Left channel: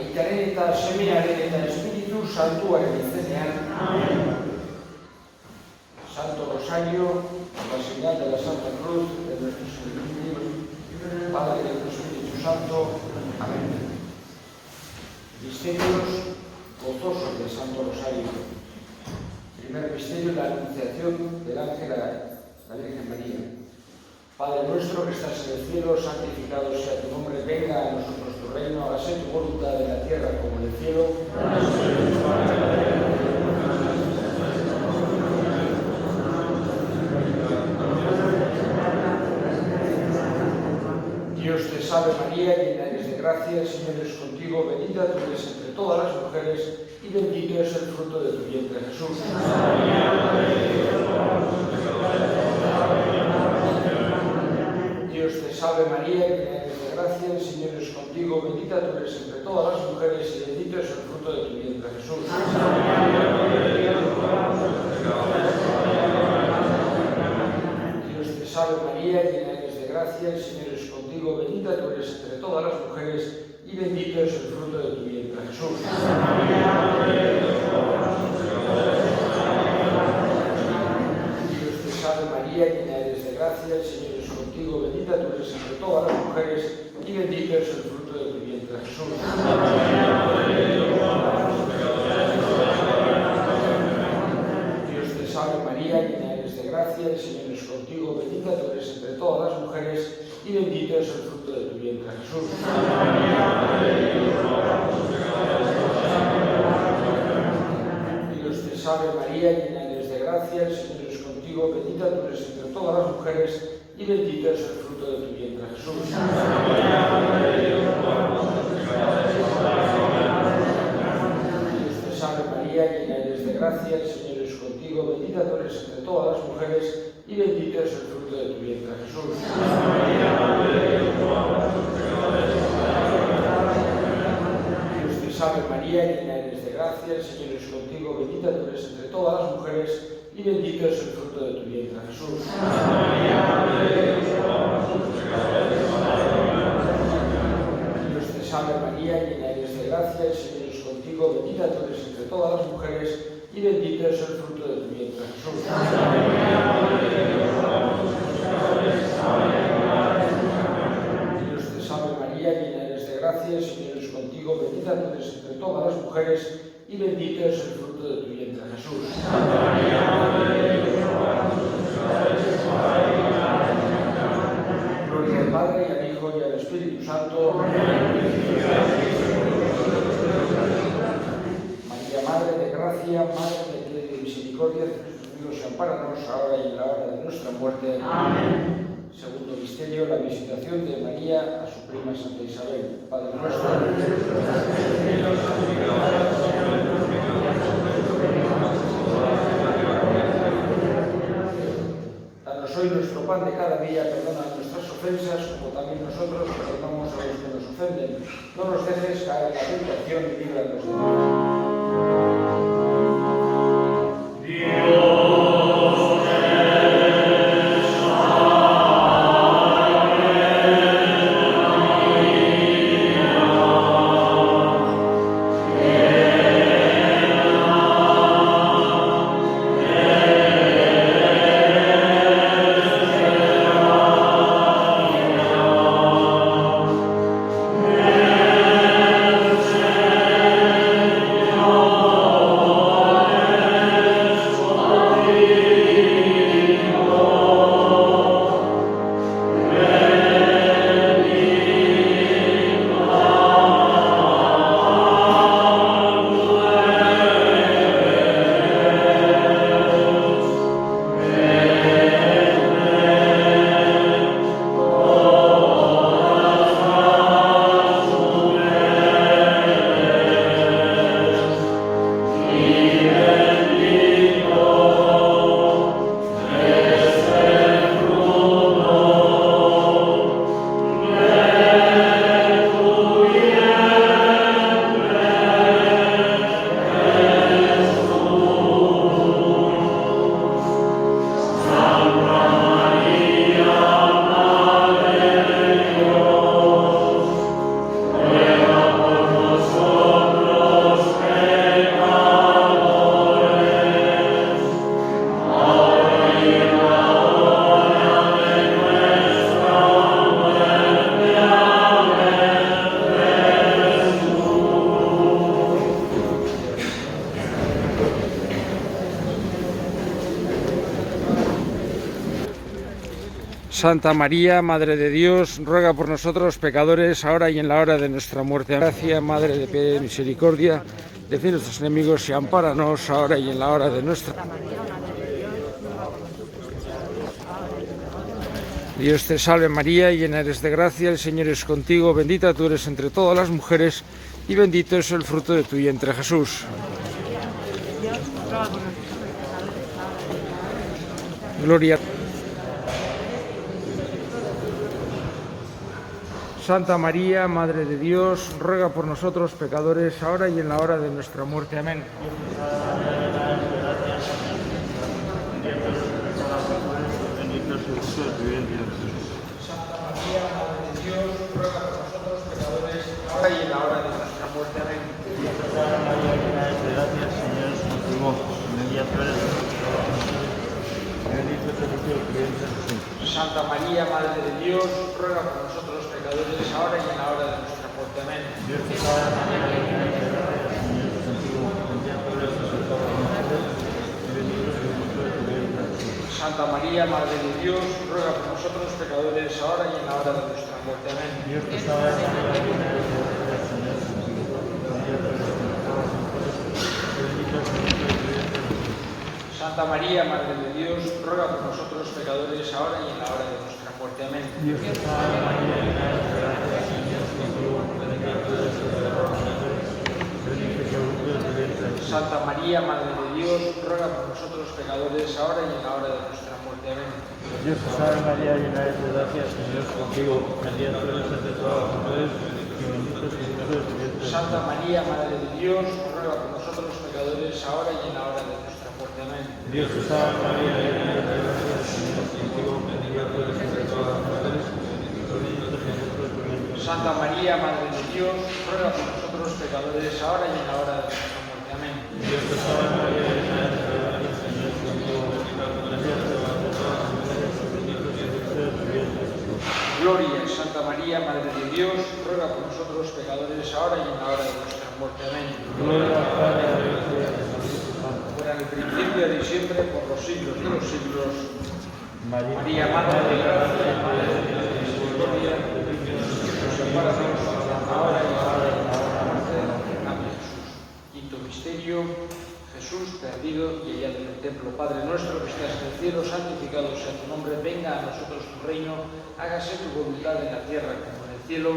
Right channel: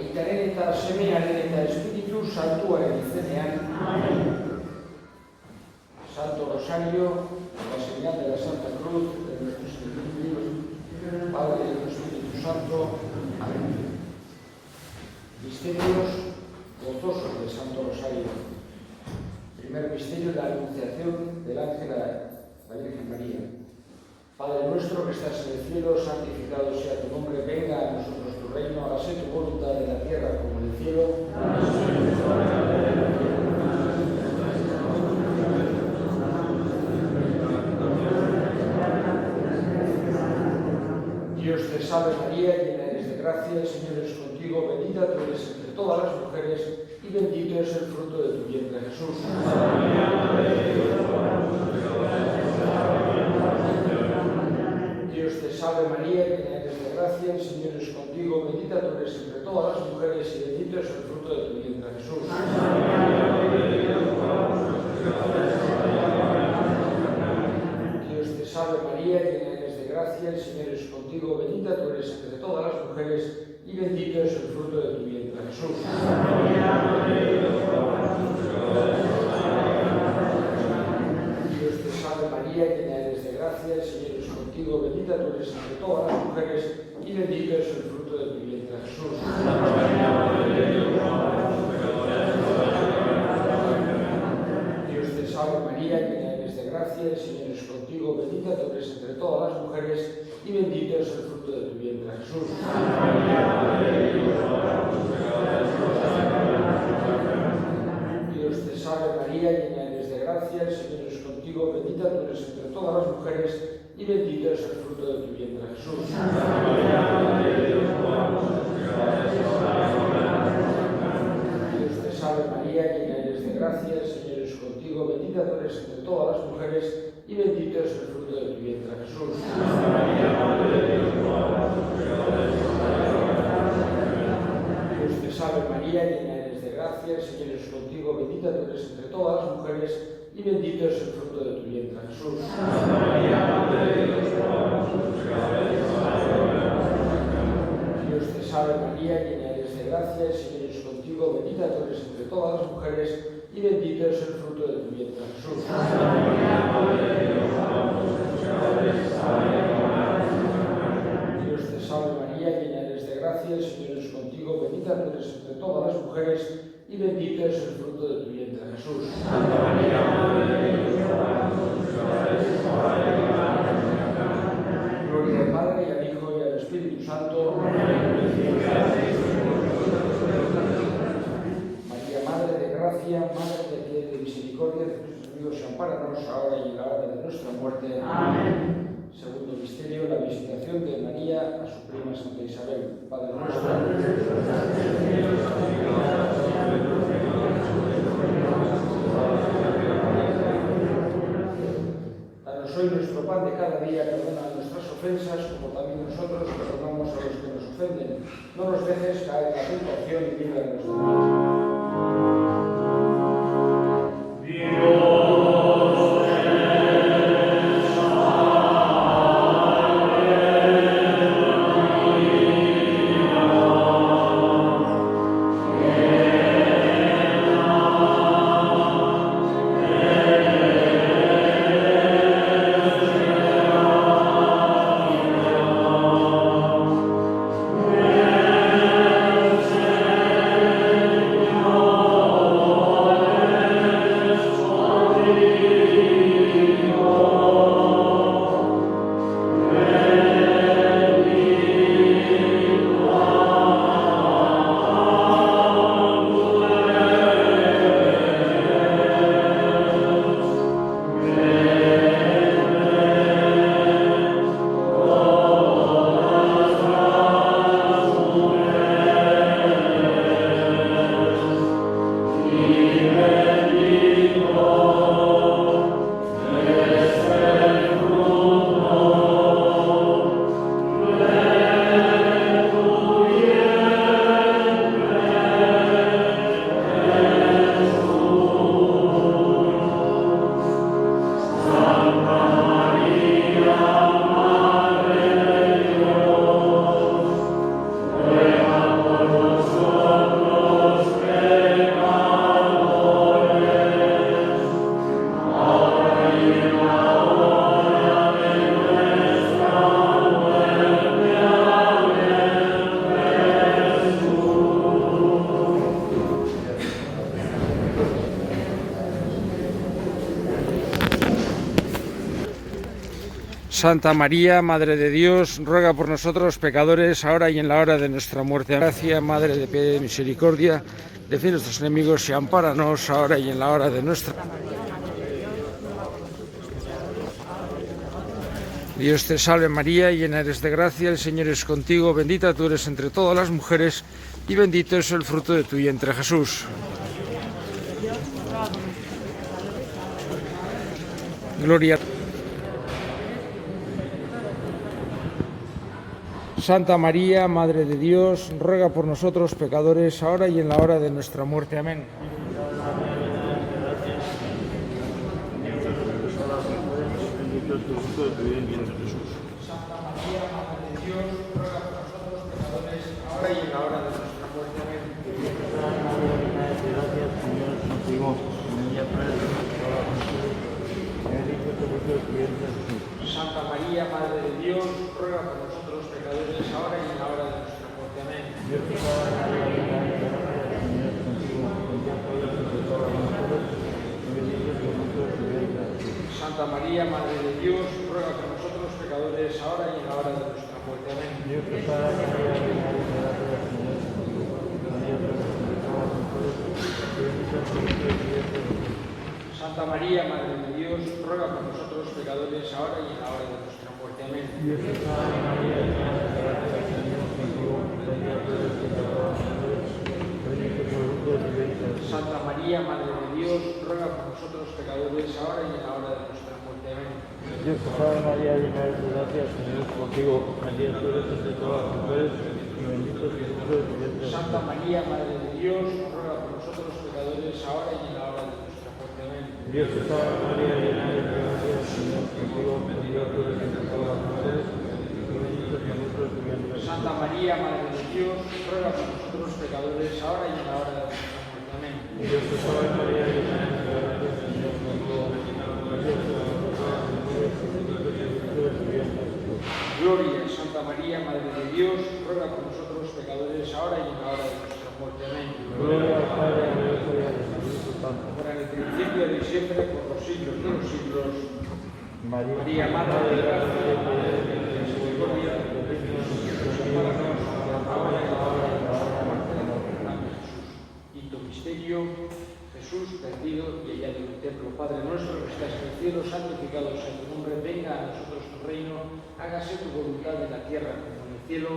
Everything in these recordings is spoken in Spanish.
Aitaren eta Semearen eta Espiritu Santuaren izenean. Santo Rosario, la señal de la Santa Cruz de nuestros enemigos, Padre del Espíritu Santo. Amén. Misterios gozosos del Santo Rosario. Primer misterio, la anunciación del ángel a la Virgen María. Padre nuestro que estás en el cielo, santificado sea tu nombre, venga a nosotros tu reino, hágase tu voluntad en la tierra como en el cielo. Dios te salve María, llena eres de gracia, el Señor es contigo, bendita tú eres entre todas las mujeres y bendito es el fruto de tu vientre Jesús. Dios te salve María, llena eres de gracia, el Señor es contigo, bendita tú eres entre todas las mujeres y bendito es el fruto de tu vientre Jesús. Dios te salve María, llena eres de gracia, el Señor es contigo, bendita tú eres entre todas las mujeres y bendito es el fruto de tu vientre Jesús. Dios te salve María, llena eres de gracia, el Señor es contigo, bendita tú eres entre todas las mujeres y bendito es el fruto de tu vientre Jesús. Dios te salve María, llena eres de gracia, el Señor es contigo, bendita tú eres entre todas las mujeres y bendito es el fruto de tu vientre Jesús. Dios te salve María, llena eres de gracia, el Señor es contigo, bendita tú eres entre todas las mujeres y bendito es el fruto de tu vientre Jesús. Dios te salve María, llena eres de gracia, el Señor es contigo, bendita tú eres entre todas las mujeres y bendito es el fruto de tu vientre Jesús. Dios te salve María, llena eres de gracia, el Señor es contigo, bendita tú eres entre todas las mujeres y bendito es el fruto de tu vientre Jesús. Dios te salve María, llena eres de gracia, el Señor es contigo, bendita tú eres entre todas las mujeres y bendito es el fruto de tu vientre Jesús. Dios te salve María, llena eres de gracia, el Señor es contigo, bendita tú eres entre todas las mujeres y bendito es el fruto de tu vientre Jesús. Gloria al Padre y al Hijo y al Espíritu Santo. María, Madre de gracia, Madre de piedad y de misericordia, de Jesús mío, y ampáranos ahora y en la hora de nuestra muerte. Amén. Segundo misterio, la visitación de María a su prima Santa Isabel. Padre nuestro. Danos hoy nuestro pan de cada día, perdona nuestras ofensas, como también nosotros perdonamos a los que nos ofenden. No nos dejes caer en la tentación y líbranos del mal. Santa María, Madre de Dios, ruega por nosotros los pecadores, ahora y en la hora de nuestra muerte. Gracia, Madre de piedad y de misericordia, defiende a nuestros enemigos y ampáranos, ahora y en la hora de nuestra muerte. Dios te salve María, llena eres de gracia, el Señor es contigo, bendita tú eres entre todas las mujeres y bendito es el fruto de tu vientre, Jesús. Gloria. Santa María, Madre de Dios, ruega por nosotros pecadores, ahora y en la hora de nuestra muerte. Amén. Santa María, Madre de Dios, ruega por nosotros pecadores, ahora y en la hora de nuestra muerte. Amén. Santa María, Madre de Dios, ruega por nosotros pecadores, ahora y en la hora de nuestra muerte. Amén. Santa María, Madre de Dios, ruega por nosotros pecadores, ahora y en la hora de nuestra muerte. Amén. Santa María, Madre de Dios, ruega por nosotros pecadores, ahora y en la hora de nuestra muerte. Amén. Santa María, Madre de Dios, ruega por nosotros pecadores, ahora y en la hora de nuestra muerte. Amén. Dios te salve María, llena eres de gracia, el Señor es contigo, bendita tú eres entre todas las mujeres y bendito es el fruto de tu vientre. Santa María, Madre de Dios, ruega por nosotros pecadores, ahora y en la hora de nuestra muerte. Amén. Dios te salve María, llena eres de gracia, el Señor es contigo, bendita tú eres entre todas las mujeres y bendito es el fruto de tu vientre. Santa María, Madre de Dios, ruega por nosotros pecadores, ahora y en la hora de nuestra muerte. Amén. Dios te salve María, llena eres de gracia, el Señor es contigo, bendita tú eres entre todas las mujeres y bendito es el fruto de tu vientre. Gloria, Santa María, Madre de Dios, ruega por nosotros pecadores, ahora y en la hora de nuestra muerte. Amén. Gloria al Padre, al Hijo y al Espíritu Santo. Ahora en el principio y siempre, por los siglos de los siglos. María, Madre de gracia, Madre de misericordia, Quinto misterio, Jesús perdido y hallado en el templo. Padre nuestro que estás en el cielo, santificado sea tu nombre, venga a nosotros tu reino, hágase tu voluntad en la tierra como en el cielo.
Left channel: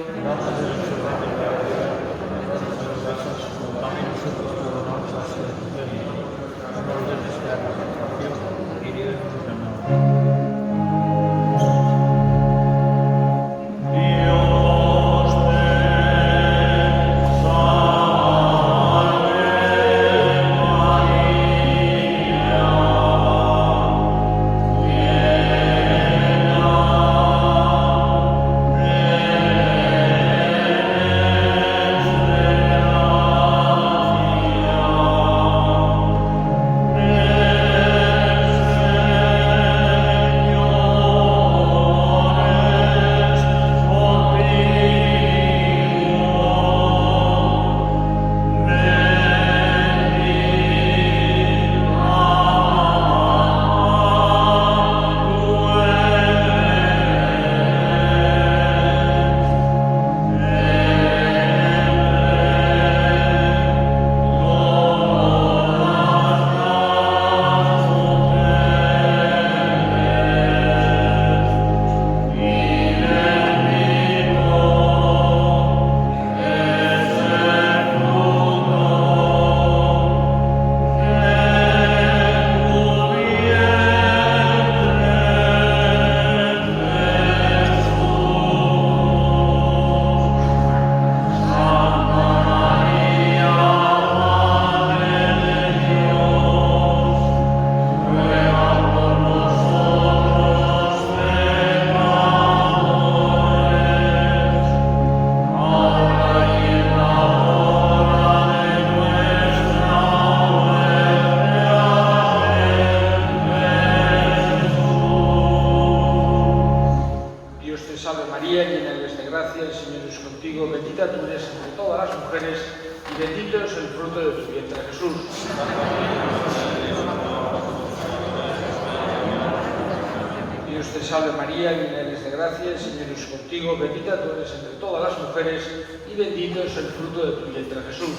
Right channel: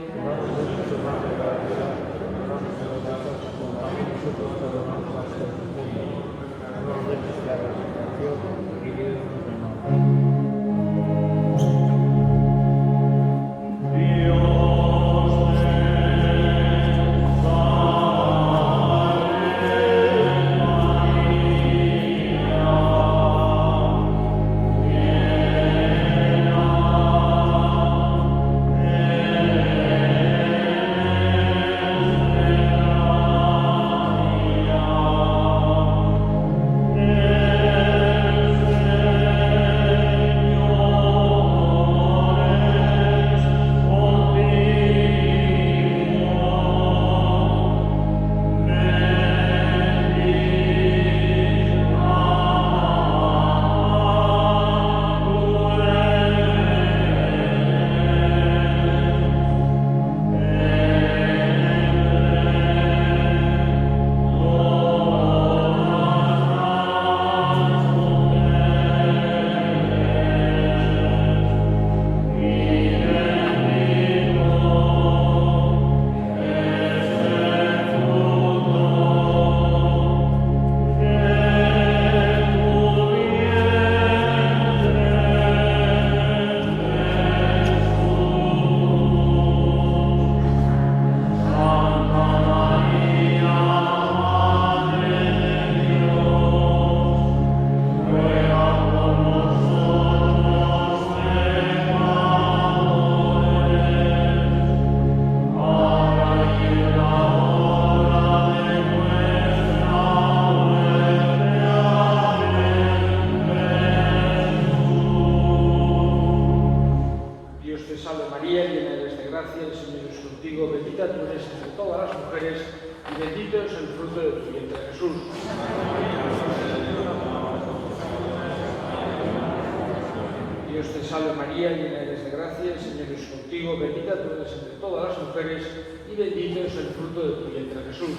te salve María, llena eres de gracia, el Señor es contigo, bendita tú eres entre todas las mujeres y bendito es el fruto de tu vientre Jesús.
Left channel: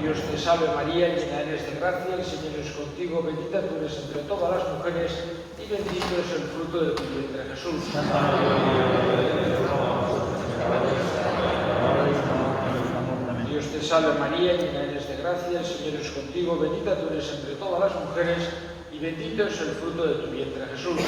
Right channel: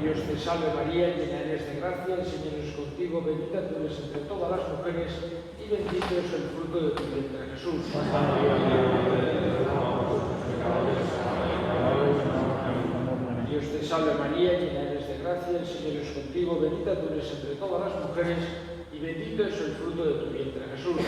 Dios te salve María, llena eres de gracia, el Señor es contigo, bendita tú eres entre todas las mujeres y bendito es el fruto de tu vientre Jesús. Dios te salve María, llena eres de gracia, el Señor es contigo, bendita tú eres entre todas las mujeres y bendito es el fruto de tu vientre Jesús.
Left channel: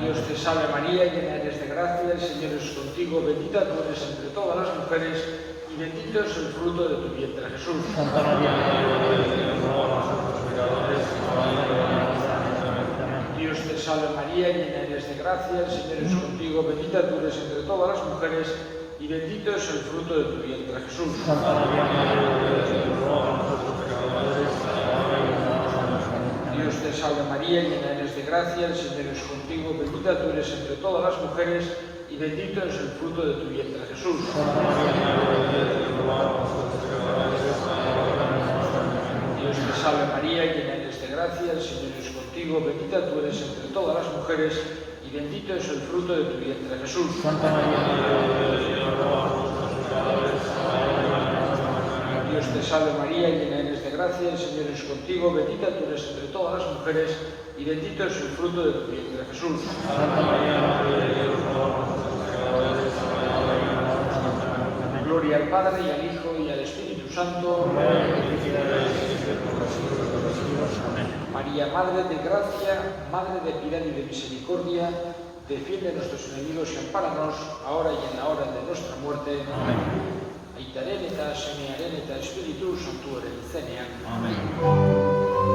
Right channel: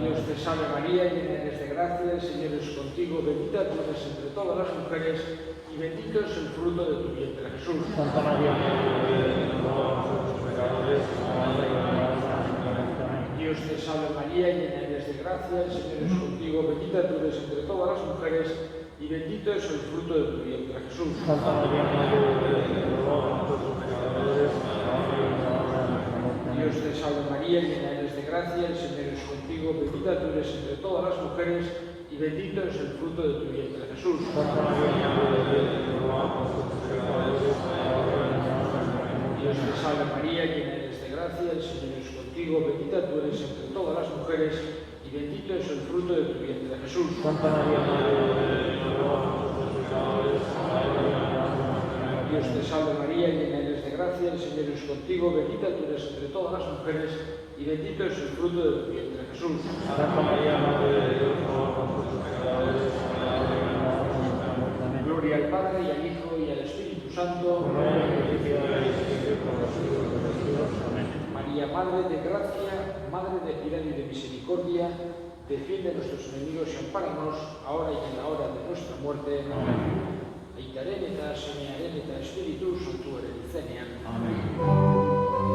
Dios te salve María, llena eres de gracia, el Señor es contigo, bendita tú eres entre todas las mujeres y bendito es el fruto de tu vientre Jesús. Dios te salve María, llena eres de gracia, el Señor es contigo, bendita tú eres entre todas las mujeres y bendito es el fruto de tu vientre Jesús. Dios te salve María, llena eres de gracia, el Señor es contigo, bendita tú eres entre todas las mujeres y bendito es el fruto de tu vientre Jesús. Dios te salve María, llena eres de gracia, el Señor es contigo, bendita tú eres entre todas las mujeres y bendito es el fruto de tu vientre Jesús. Dios te salve María, llena eres de gracia, el Señor es contigo, bendita tú eres entre todas las mujeres y bendito es el fruto de tu vientre Jesús. Gloria al Padre y al Hijo y al Espíritu Santo. María, Madre de gracia, Madre de piedad y de misericordia, defiende a nuestros enemigos y ampáranos, ahora y en la hora de nuestra muerte. Amén. Aitarén eta semearen eta Espíritu Santuaren izenean. Amén.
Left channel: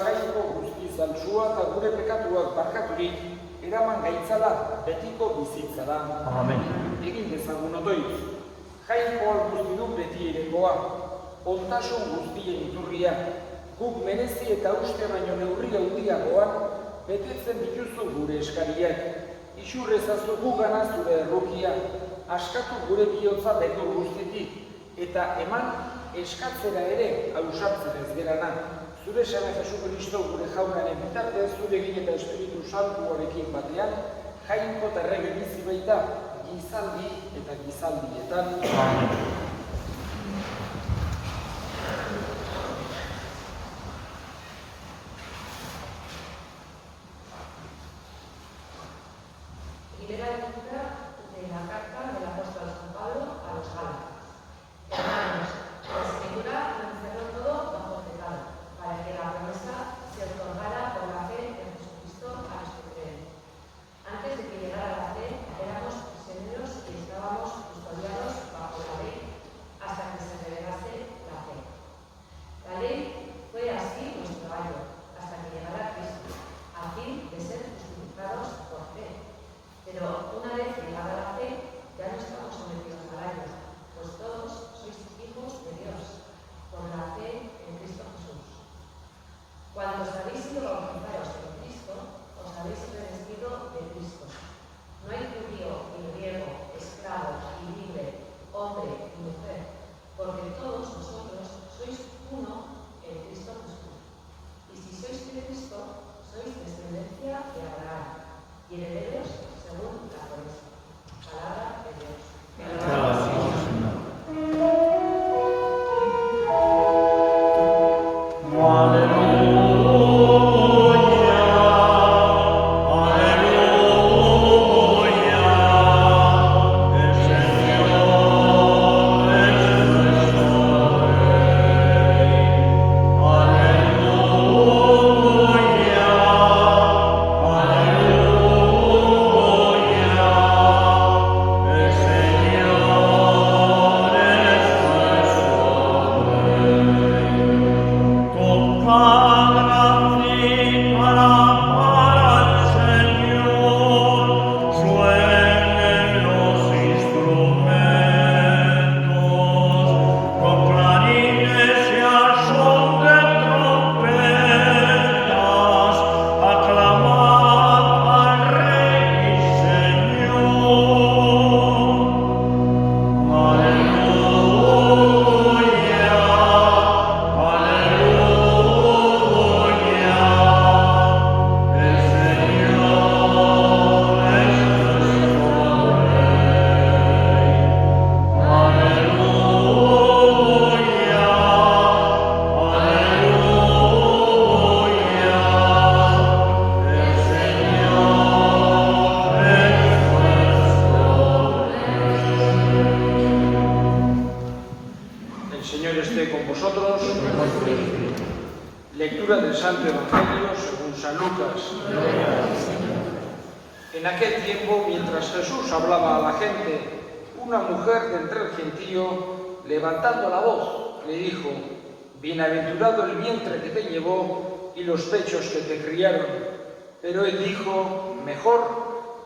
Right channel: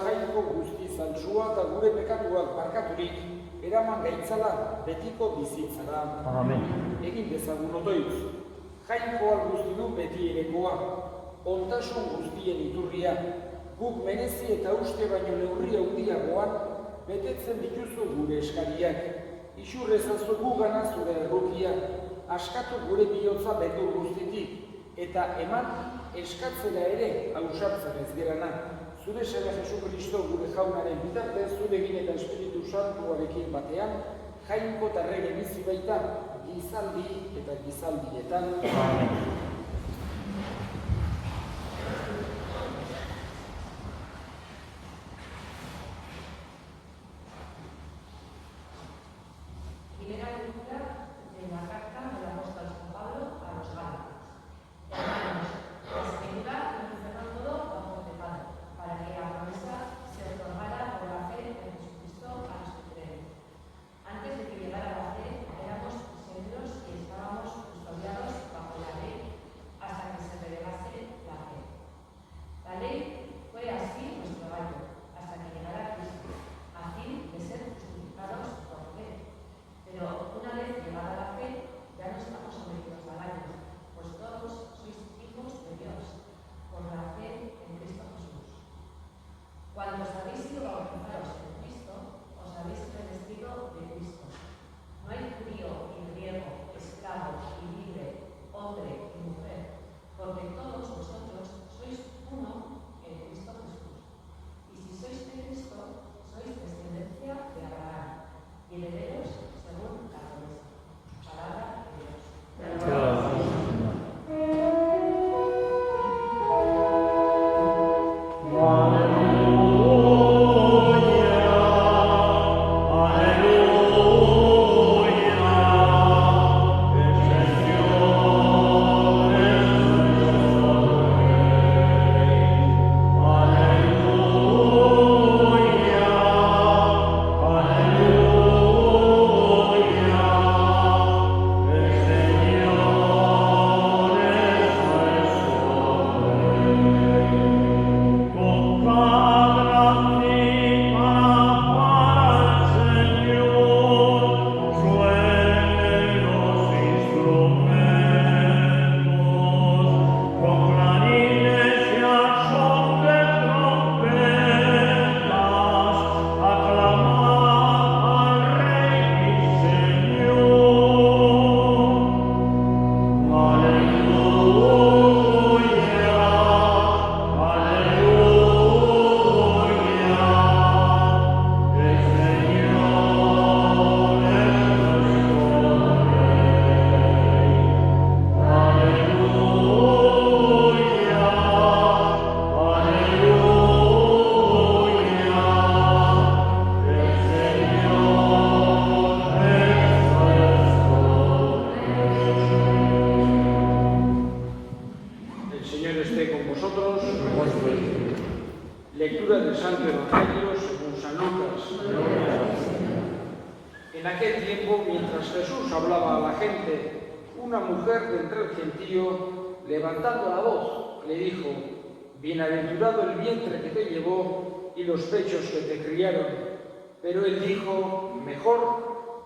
Jaiko guztiz altsua eta gure pekatuak barkaturik eraman gaitzala betiko bizitzara. Egin dezagun otoitz. Jainkoa guzti du beti erekoa, ontasun guztien iturria, guk merezi eta uste baino neurri handiagoan betetzen dituzu gure eskariak. Isurr ezazu gugana zure errukia, askatu gure bihotza beldur guztitik, eta eman eskatzera ere ausartzen ez gerana. Zure Seme Jesu Kristo gure jaunaren bitartez, zurekin eta Espiritu Santuarekin batean, jainko eta errege bizi baita, gizaldi eta gizaldietan.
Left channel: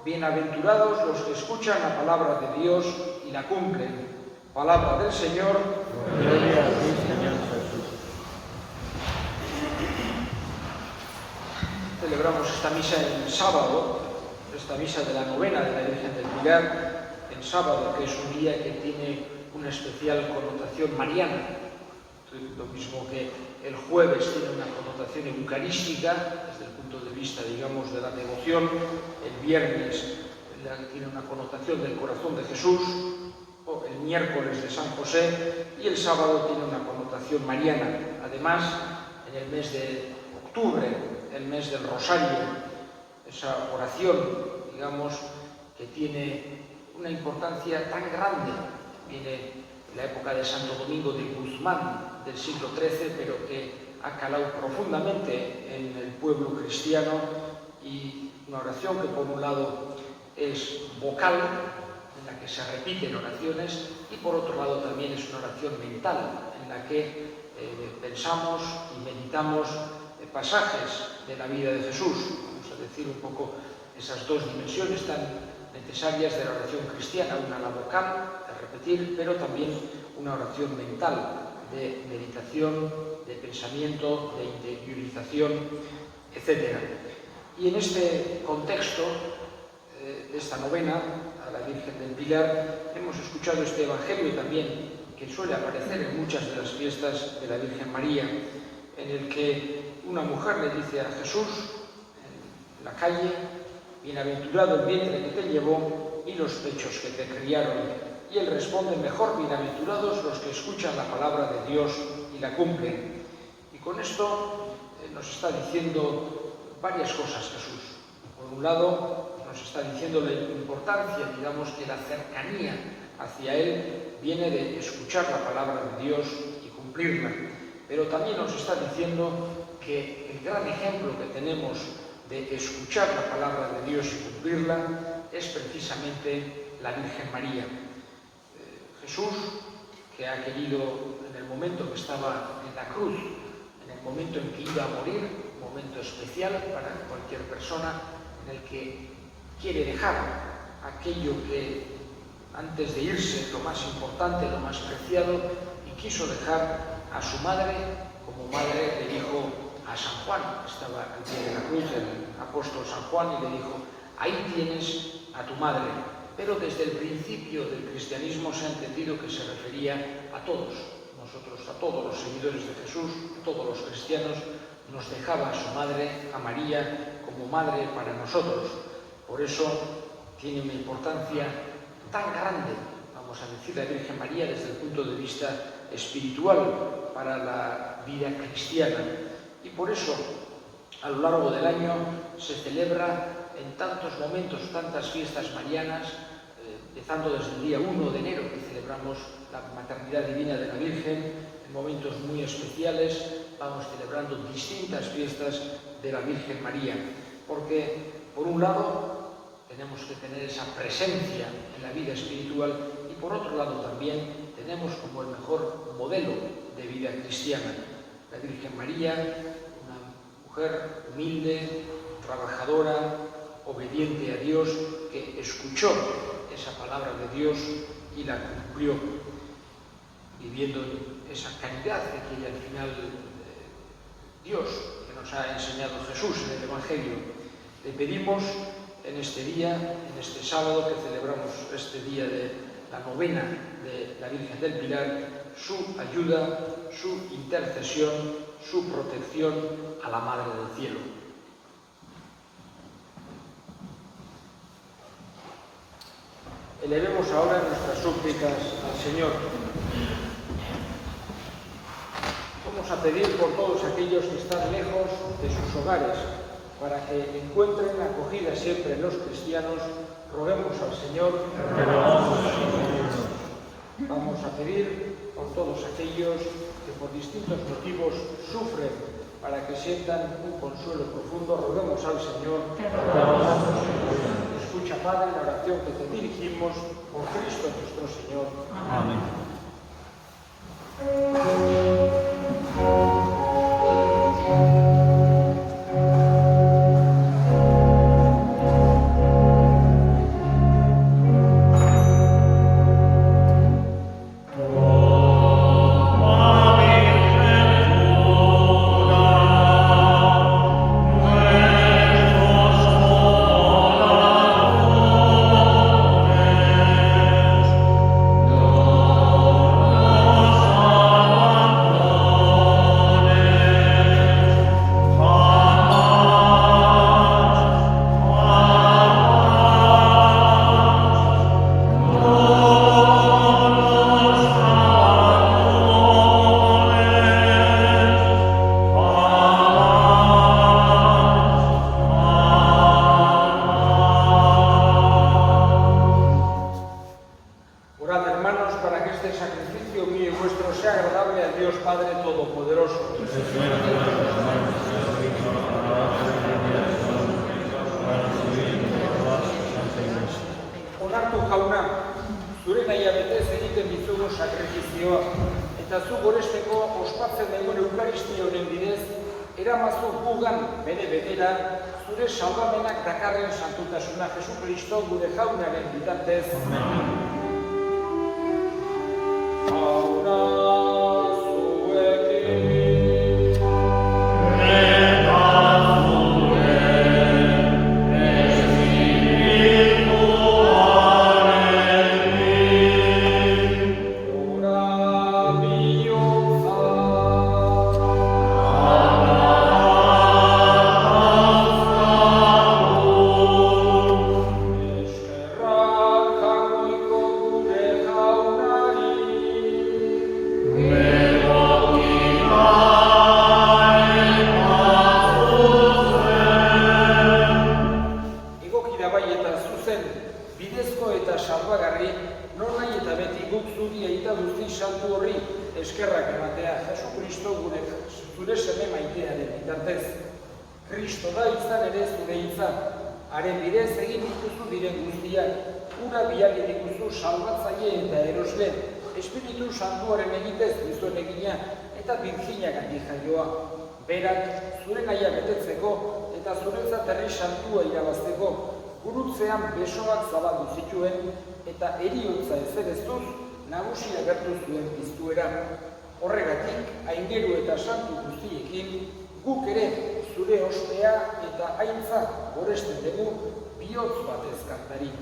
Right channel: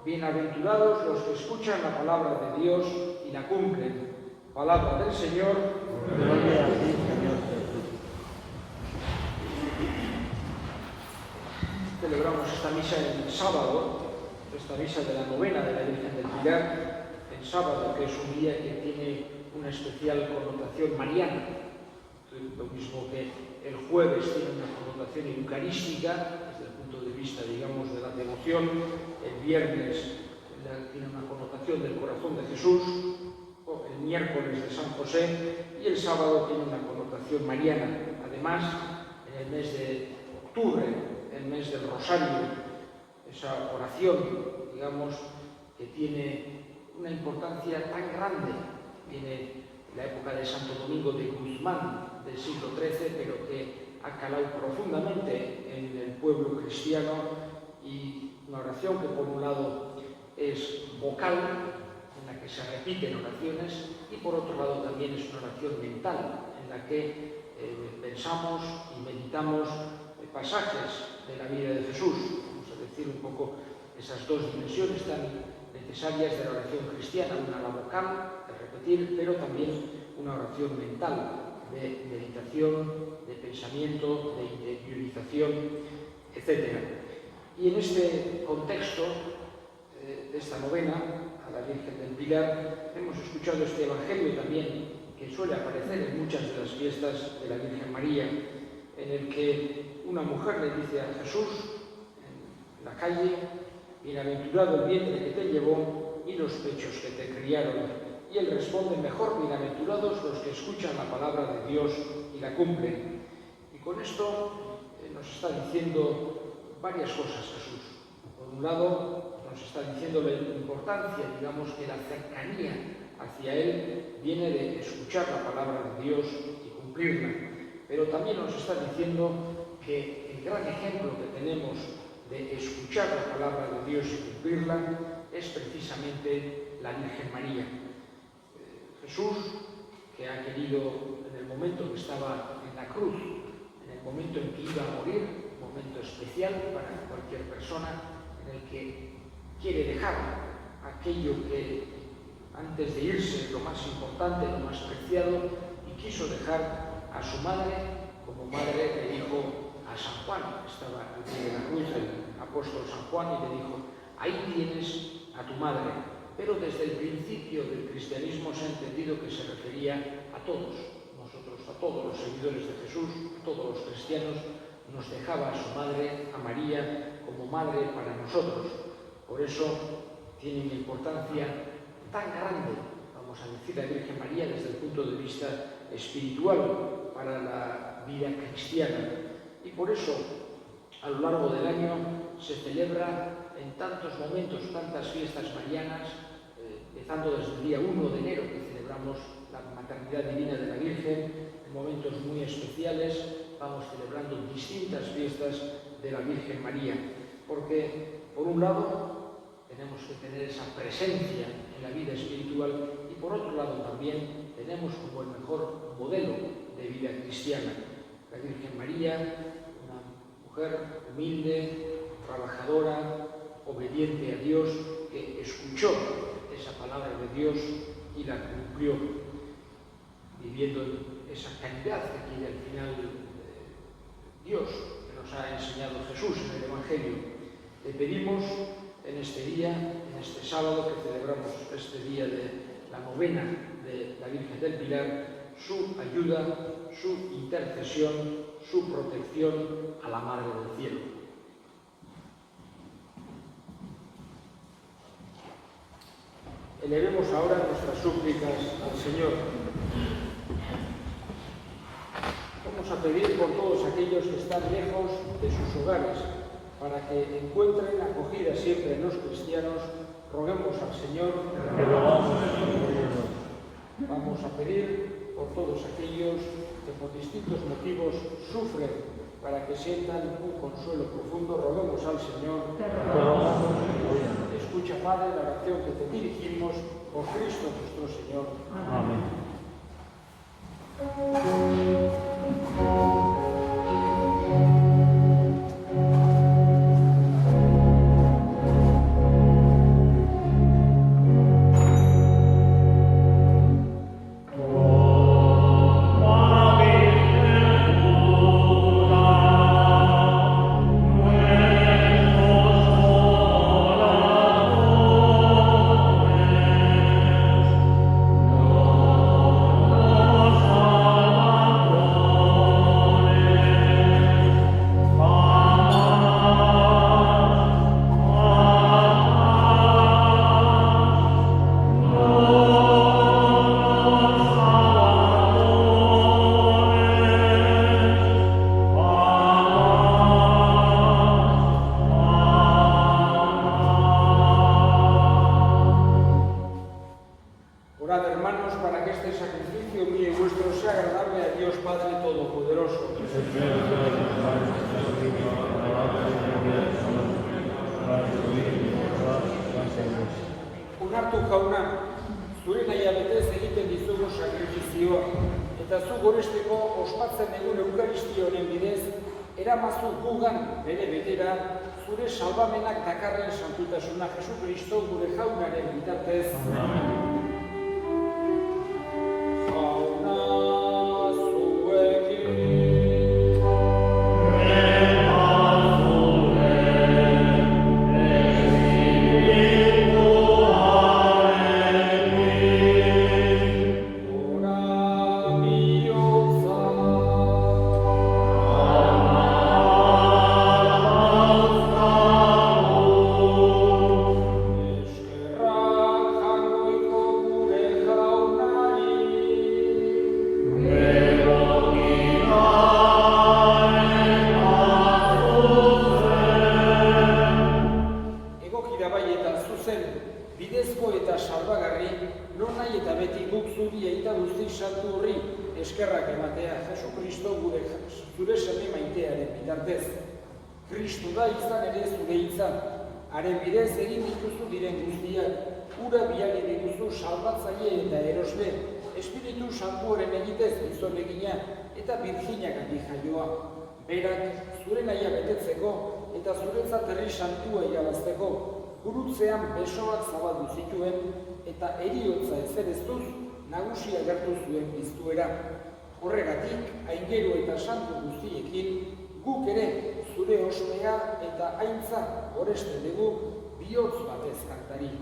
Bienaventurados los que escuchan la palabra de Dios y la cumplen. Palabra del Señor. Gloria a ti, Señor Jesús. Celebramos esta misa en sábado, esta misa de la novena de la Virgen del Pilar, en sábado, que es un día que tiene una especial connotación mariana. Lo mismo que el jueves tiene una connotación eucarística, desde el punto de vista, digamos, de la devoción. El viernes tiene una connotación del corazón de Jesús, o el miércoles de San José, y el sábado tiene una connotación mariana. Además, en el mes de octubre, el mes del Rosario, esa oración, digamos, que tiene una importancia tan grande, viene la época de Santo Domingo de Guzmán, del siglo XIII, pero que ha calado profundamente en el pueblo cristiano, y una oración que por un lado es vocal, en la que se repiten oraciones, y por otro lado también es una oración mental, en la que pensamos y meditamos pasajes de la vida de Jesús. Vamos a decir un poco esas dos dimensiones tan necesarias de la oración cristiana, una la vocal, de repetir, pero también una oración mental, de meditación, de pensamiento, de interiorización, etc. Y en este contexto de esta novena a la Virgen del Pilar hemos escuchado este Evangelio también que suele aparecer en muchas de las fiestas de la Virgen María, en el que una mujer le dice a Jesús en la calle: bienaventurado el vientre que te llevó y los pechos que te criaron. Y él responde: mejor bienaventurados los que escuchan la palabra de Dios y la cumplen. Y con esto nos está diciendo varias cosas Jesús. Por un lado, nos está diciendo la importancia, digamos, que la cercanía hacia Él viene de escuchar la palabra de Dios y cumplirla. Pero también nos está diciendo que el gran ejemplo que tenemos de escuchar la palabra de Dios y cumplirla es precisamente la Virgen María. Jesús, que ha querido, en el momento que estaba en la cruz, en el momento en que iba a morir, un momento especial para cualquier persona, en el que quiere dejar aquello que antes de irse, lo más importante, lo más preciado, y quiso dejar a su madre, como madre le dijo a San Juan, estaba al pie de la cruz el apóstol San Juan, y le dijo: ahí tienes a tu madre. Pero desde el principio del cristianismo se ha entendido que se refería a todos nosotros, a todos los seguidores de Jesús, a todos los cristianos. Nos dejaba a su madre, a María, como madre para nosotros. Por eso tiene una importancia tan grande, vamos a decir, la Virgen María desde el punto de vista espiritual para la vida cristiana. Y por eso, a lo largo del año, se celebra en tantos momentos, tantas fiestas marianas, empezando desde el día 1 de enero, que celebramos la maternidad divina de la Virgen, en momentos muy especiales vamos celebrando distintas fiestas de la Virgen María, porque por un lado tenemos que tener esa presencia en la vida espiritual y por otro lado también tenemos como el mejor modelo de vida cristiana. La Virgen María, una mujer humilde, trabajadora, obediente a Dios, que escuchó esa palabra de Dios y la cumplió, viviendo esa caridad que quiere al final Dios, que nos ha enseñado Jesús en el Evangelio. Le pedimos en este día, en este sábado que celebramos este día de la novena de la Virgen del Pilar, su ayuda, su intercesión, su protección a la Madre del Cielo. Elevemos ahora nuestras súplicas al Señor. Vamos a pedir por todos aquellos que están lejos de sus hogares, para que encuentren acogida siempre en los cristianos. Roguemos al Señor. Vamos a pedir por todos aquellos que por distintos motivos sufren, para que sientan un consuelo profundo. Roguemos al Señor. Escucha, Padre, la oración que te dirigimos por Cristo nuestro Señor. Amén. eramazu gugan bere betera, zure salbamenak dakarren santutasuna Jesu Kristo gure jaunaren bitartez. Jauna zuekin. Bidezko eta salbagarri, non nahi eta beti guk zuri eita duzti saltu horri eskerrak ematea Jesu Kristo zure seme maitearen bitartez. Kristo da izan ere zure izan, haren bidez egin dituzu diren guztiak, ura biali dituzu salbatzaile eta erosle, Espiritu Santuaren egitez dizuen egina eta Birginak handi jaioa. Berak zure nahia betetzeko eta zuretzat herri santua irabazteko, gurutzean besoak zabaldu zituen eta heriotza ezereztuz nagusi agertu zuen piztuera. Horregatik, aingeru eta santu guztiekin, guk ere zure ospea eta aintzat goresten dugu bihotz batez kantari.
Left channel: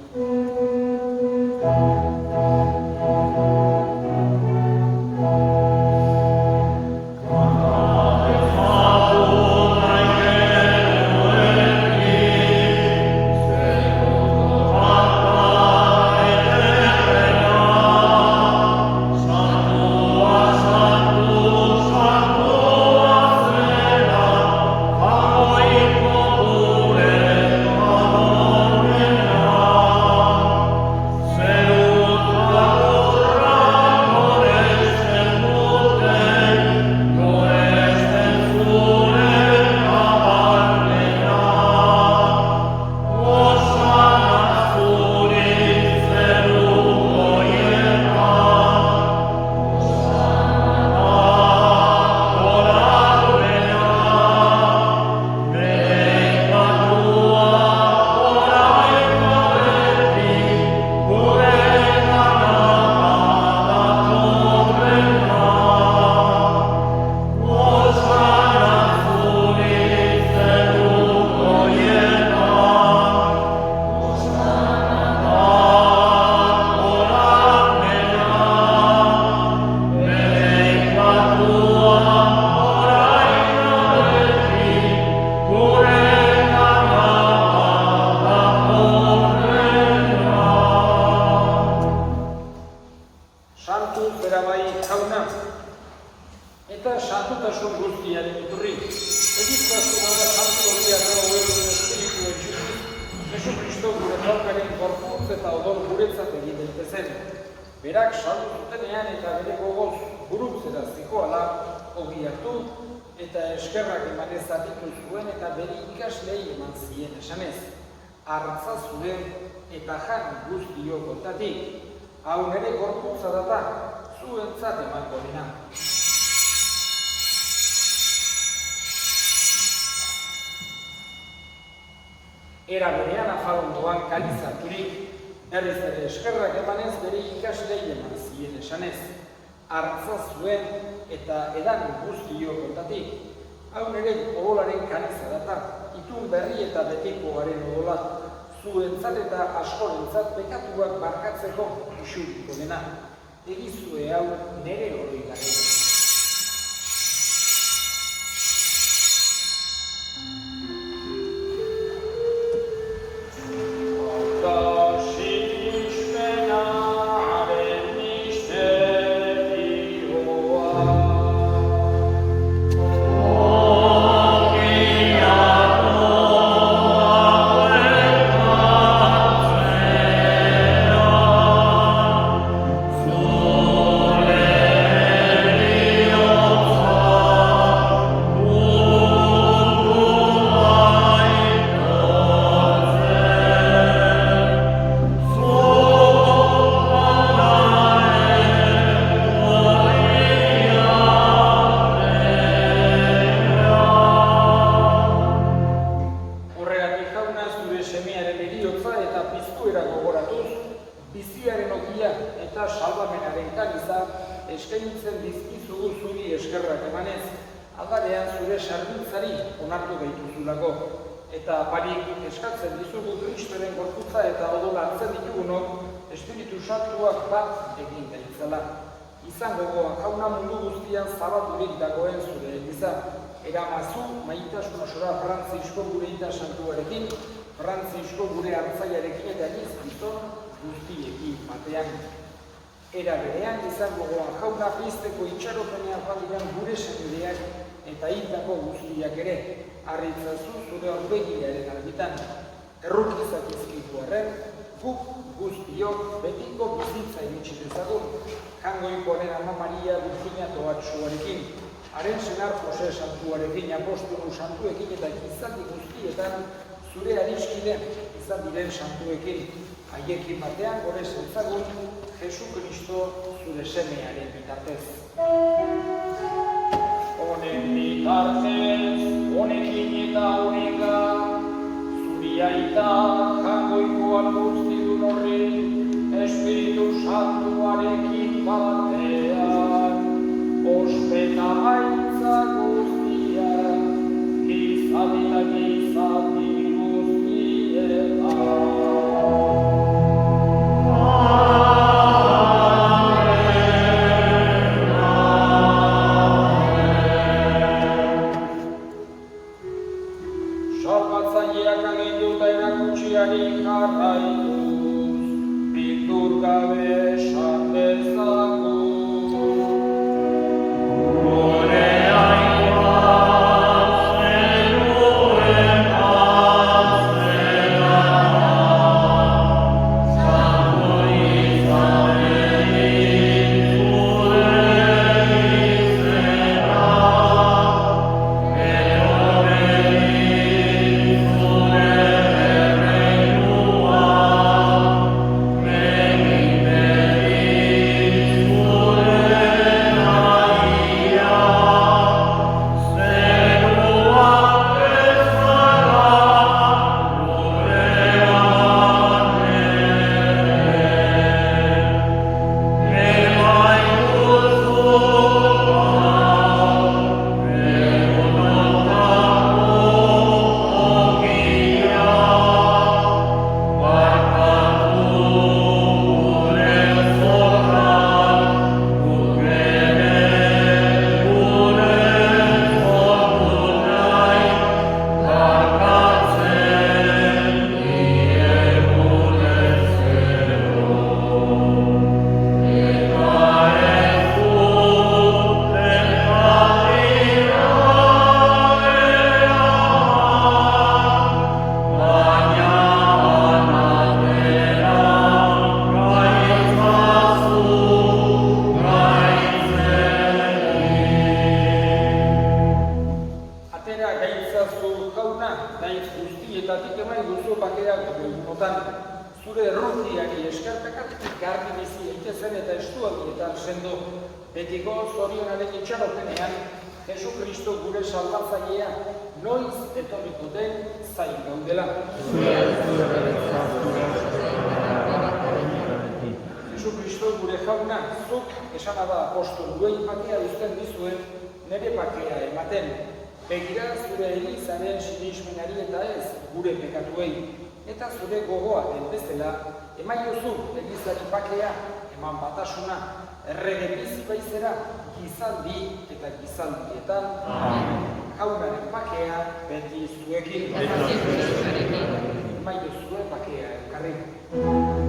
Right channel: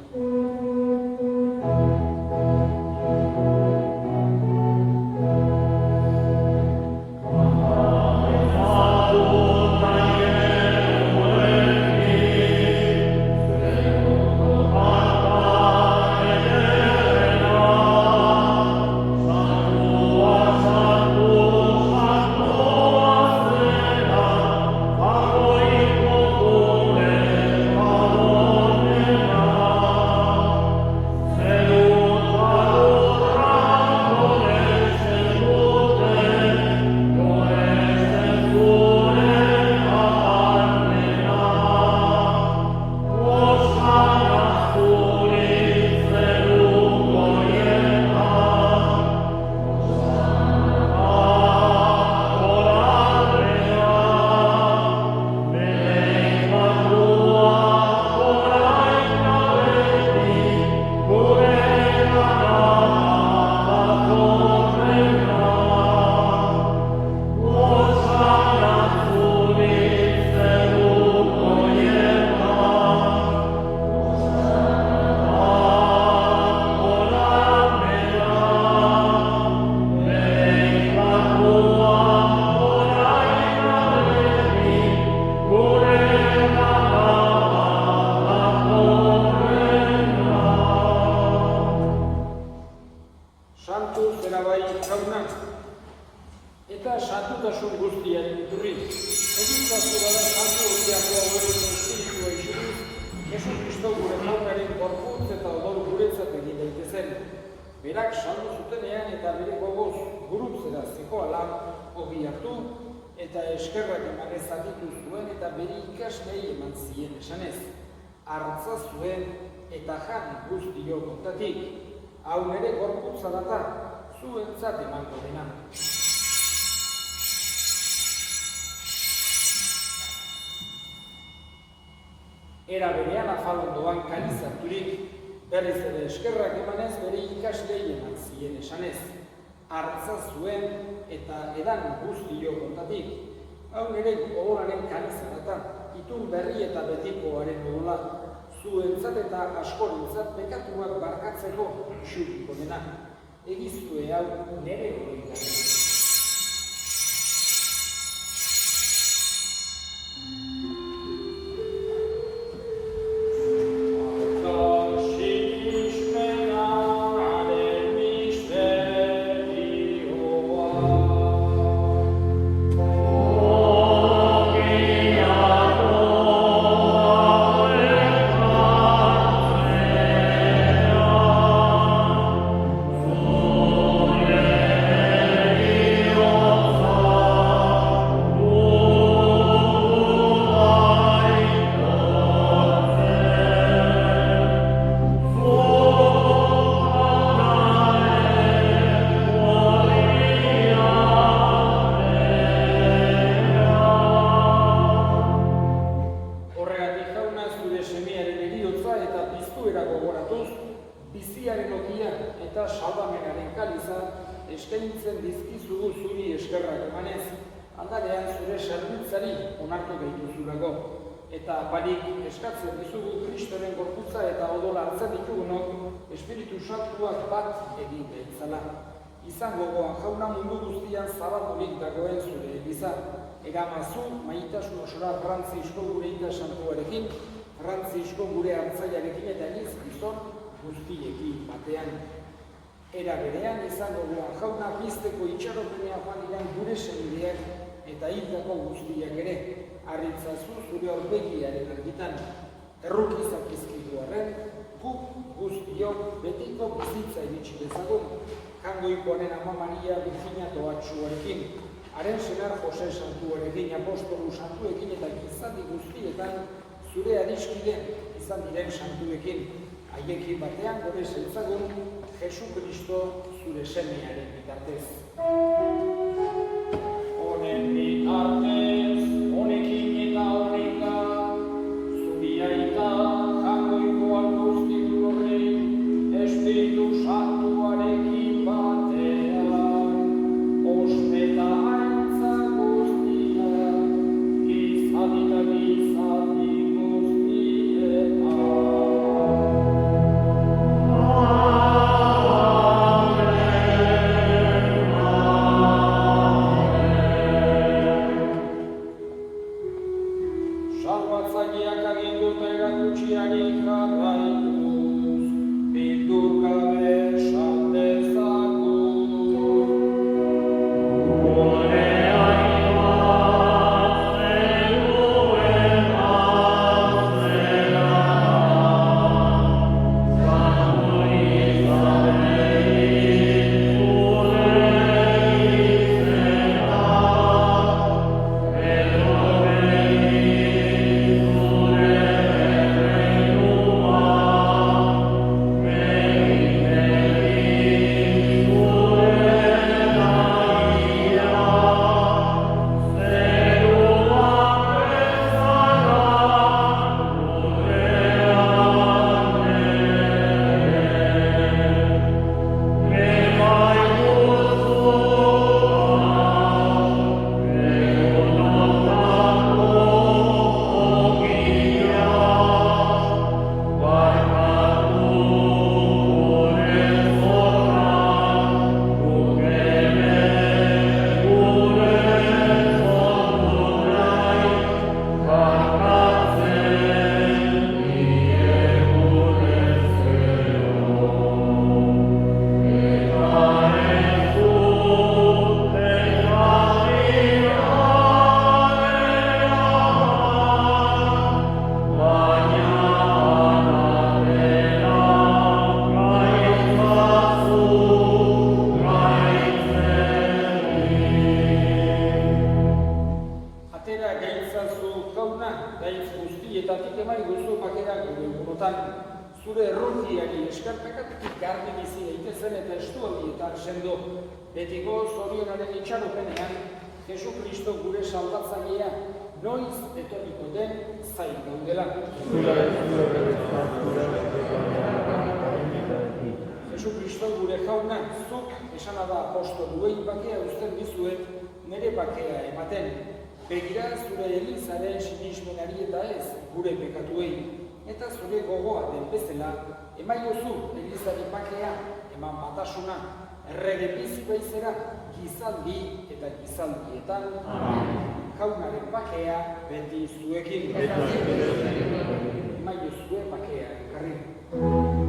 Eta santutasun guztiaren iturri. Egiturazu bada santu horiako adoren espiritua itxuriz, Jesu Kristo gure jaunaren gorputz eta odor guretzat egin daitezen. Berak saldu zutenean eta bere gogoz gurutzera zikoala ogi hartu eta eskerrak emanez aditu zuen eta bere ikaslei eman zien esanez. Arratza zuen eta jan guztio kontatik. Hau nere gorputza data, zuentzat emango dena. Era berean afalun doan kaliz harturik, berriz ere eskerrak emanez bere ikaslei eman zien esanez. Artza zuen eta edan guztio kontatik. Hau nere odolaren kaliza data, itun berri eta betikoaren odola, zuentzat eta askorentzat bekatuak barkatzeko isuriko dena. Egizue hau nere oroigaren. Amen. eta salbamenaren kaliza eskaintzen dizkizugu zuri eskerrak emanez, aldarean zure sarbiltzari onartu gaituzulako. Eta barik eskatzen dizugu Kristoren gorputza eta odola hartzen ditugunok Espiritu Santuak bat egin daitzala. Izan gogoa jauna mundu guztian zabaturik dagoen zure eliza. Eramazu maitasun osora Frantzisko gure ita santuarekin, Frantzisko gure hartzaiarekin eta iniz gizon guztiekin batean. Era berean izan gogoa jauna bizteko itxaropenean badiren gure senideak eta hildako guztiak ere. Arritzazu zure aurpegiaren argitan. Errukizak izkitu arren, guk guztiok betiko bizitza iritsi dezagun, Jangoikoaren Ama Maria Virginia Toatsuarekin, haren senar Jose Santuarekin, apostolu santuekin eta gizaldi guztietan zure adiskide izan diren santuekin, haiekin batean gore zentzagun Jesu Kristo zure semearen bitartez. Honen bitartez, honekin eta honeka, zuri aita Jangoikoan guztidun horri, Espiritu Santuarekin batean, ospeta haintza guztia, gizadi eta gizadi guztietan. Salbatzaileak agindu eta erakutsiari jarraituz, bildur gabe esan dezagun. Gure hainbat zenuen bazera, zango izanein zure izena, guztietatik eman guzu bakera gure egunotan, zure erruntiari eskerpekatik garbi bizi daitezen eta estualdietan sendo, betiko zorionaren itxaropenean, Jesu Kristo gure salbatzailea noiz etorriko den zain gaudela. Jesu Kristo gure jauna, zuk esana da apostoluei bakea uzten dizuen nere bakea ematen. Begira zure Elizaren sinismenari eta ez gure pekatuei, eta zure gogoa den bezala, emaiozu Elizari bakea, eman batasuna, errege bizi baizera, gizaldi eta gizaldietan, jaunaren bakea beti zuekin. Emaiozue bakea elkarri. Amen.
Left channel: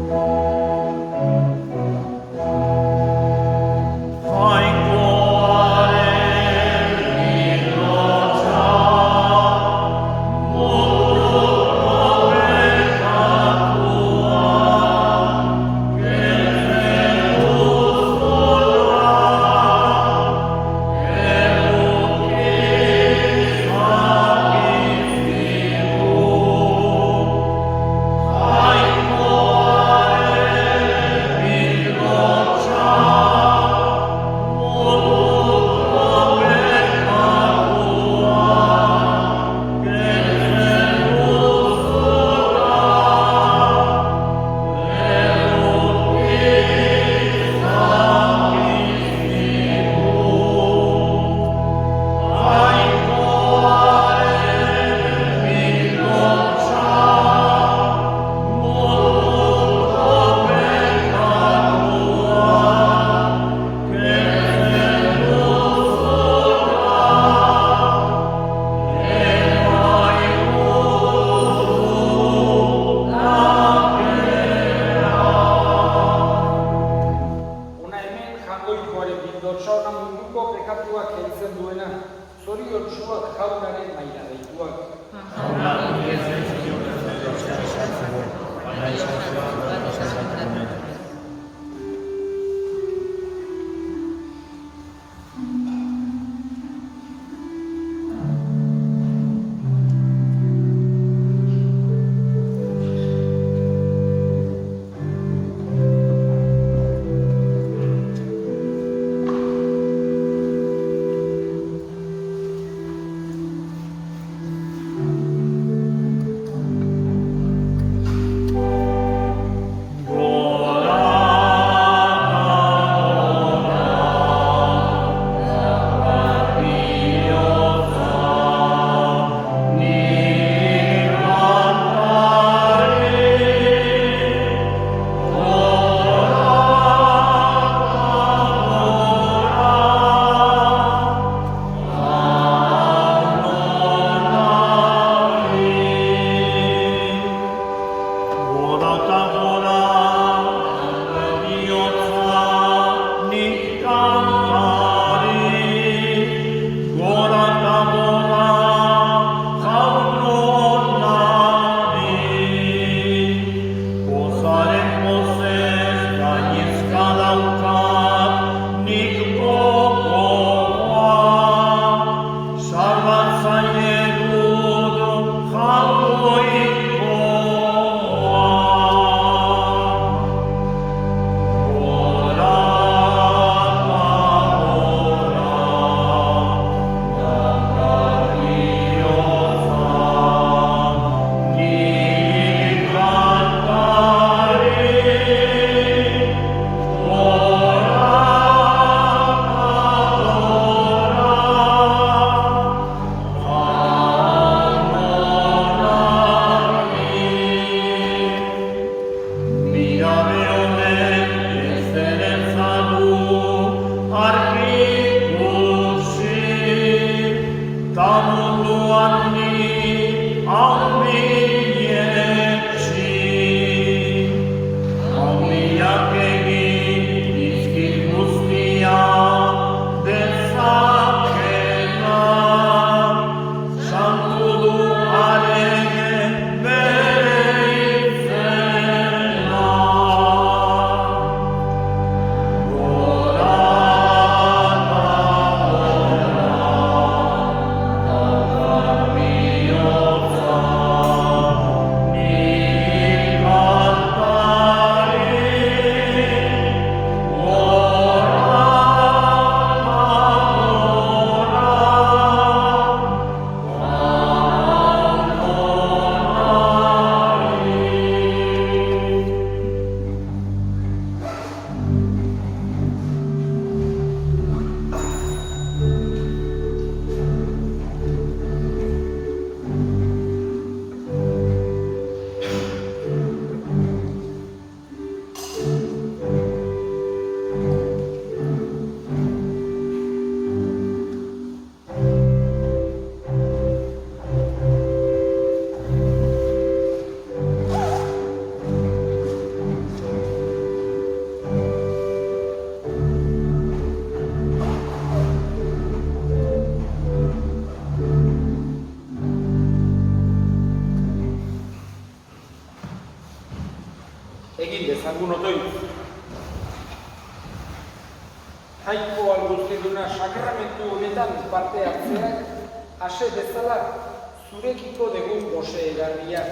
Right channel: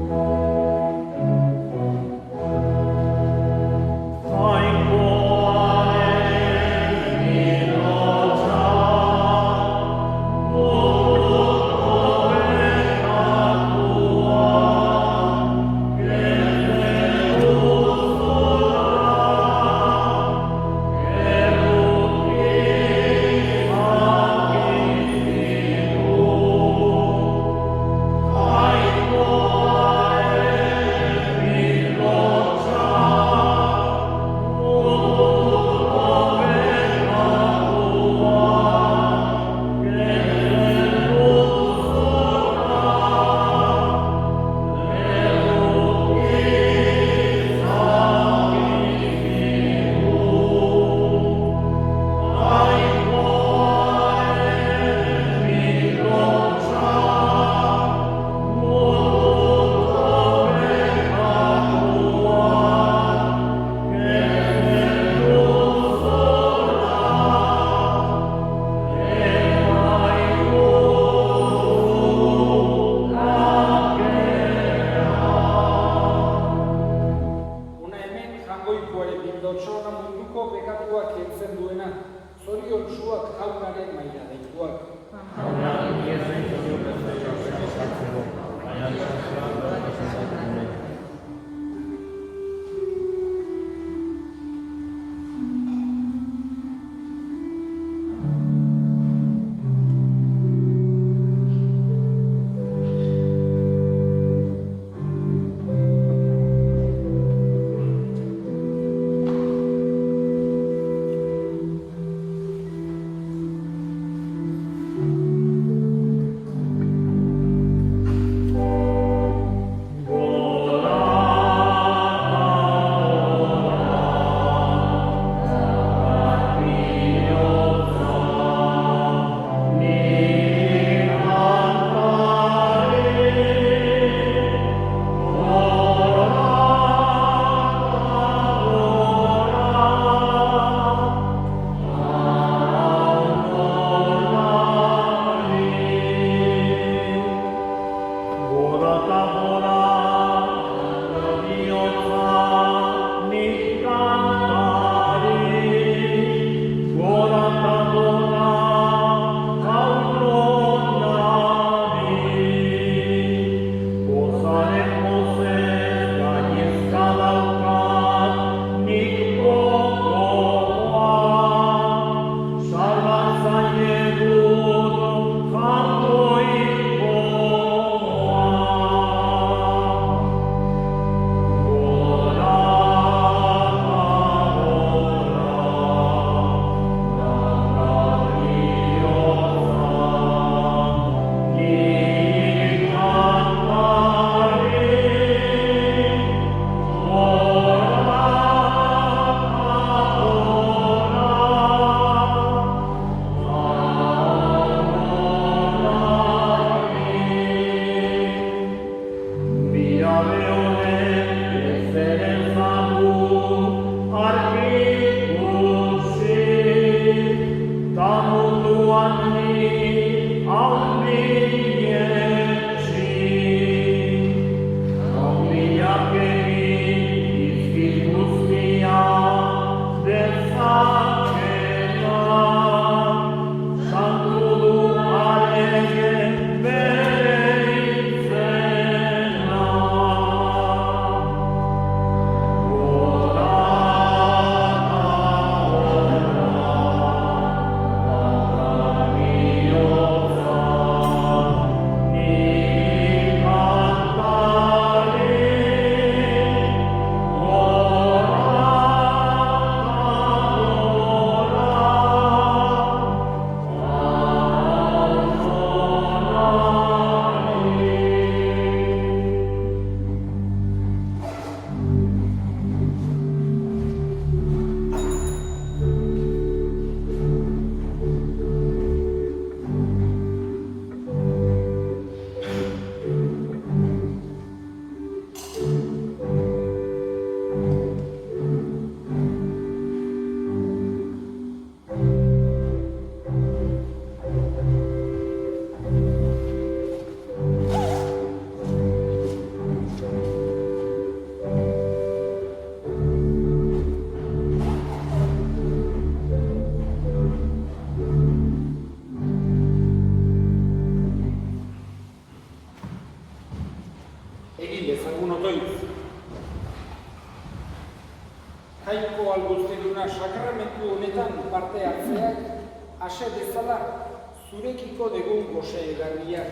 zurekiko degun gose egarriak,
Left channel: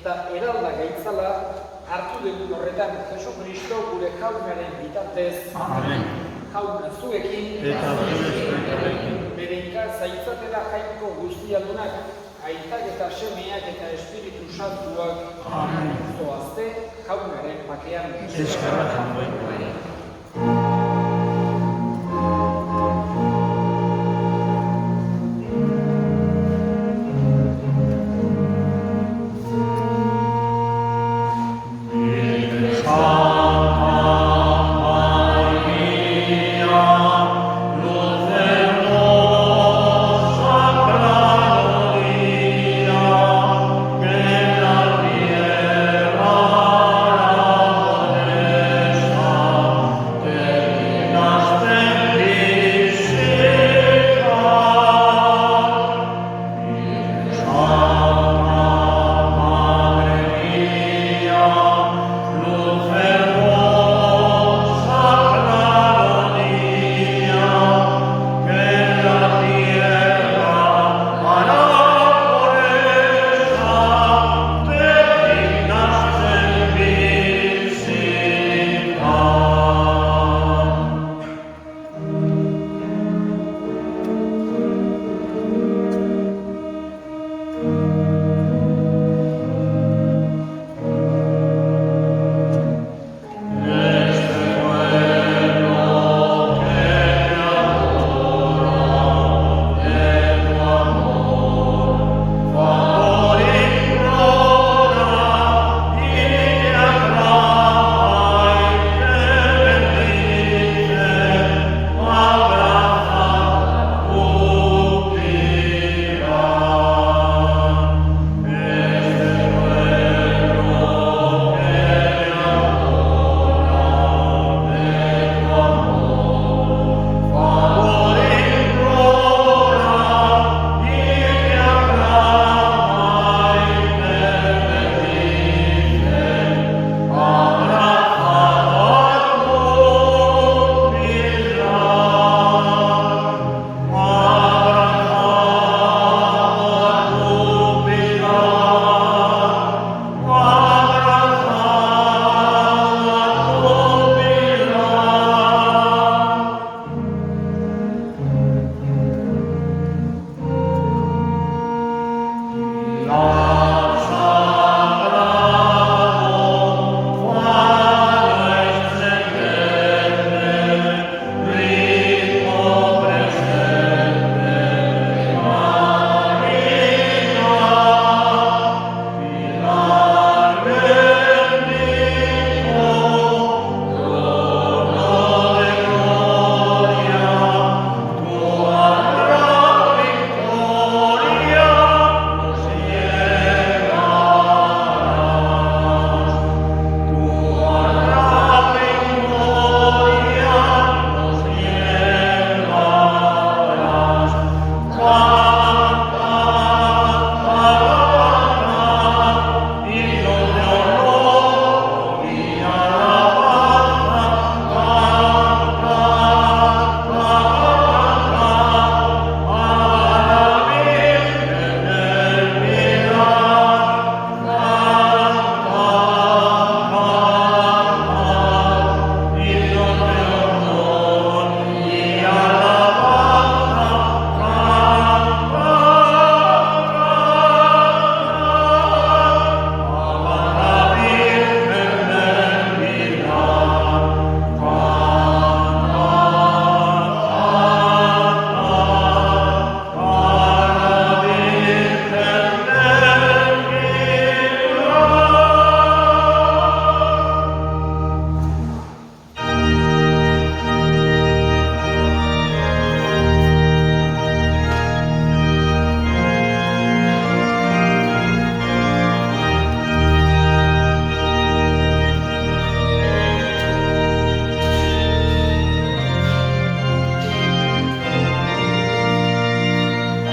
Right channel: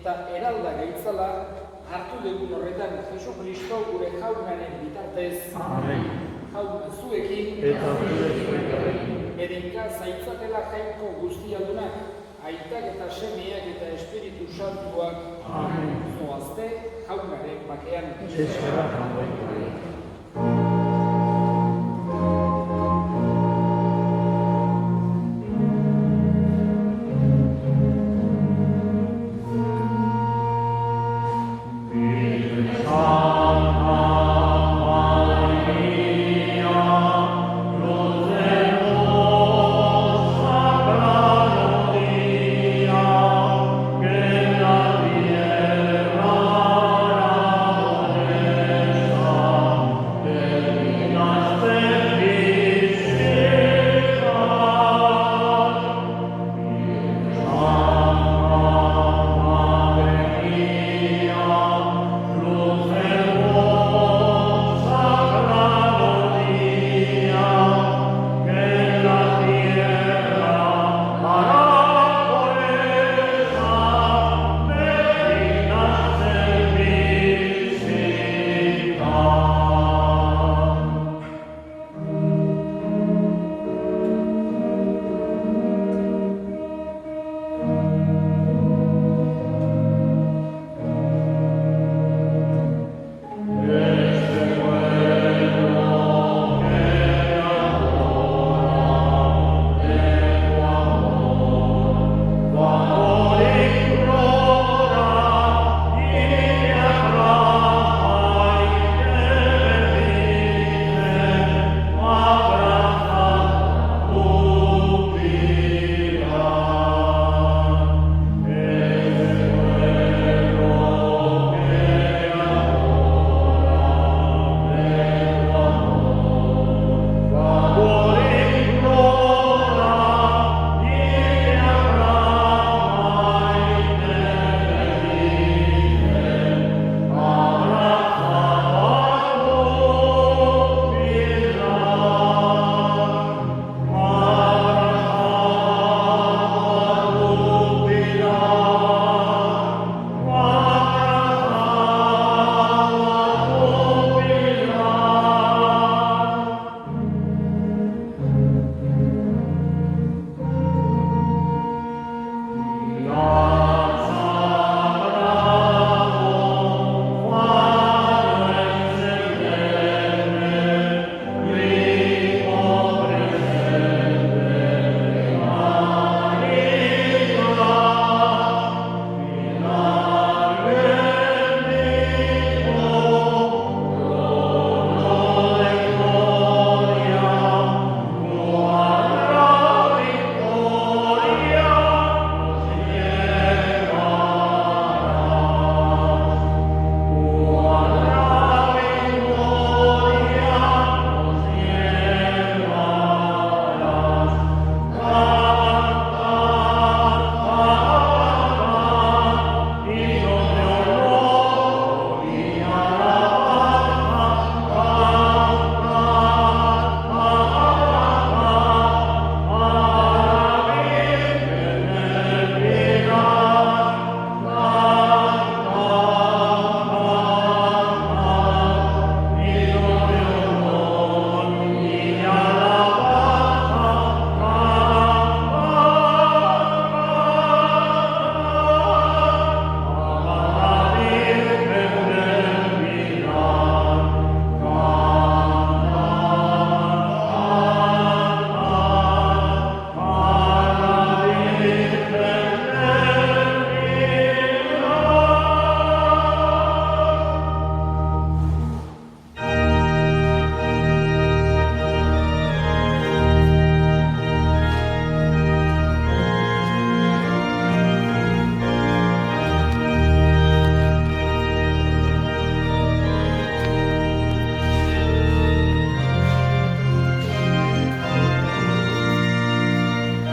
eta eralda gaitzala hartu degun horretan Jesu Kristo gure jaunaren bitartez, jauna zuekin, berenka zaitzatela jainko guztialdunak, aitak eta semeak eta Espiritu Santuak, zoazte jaunaren bakean.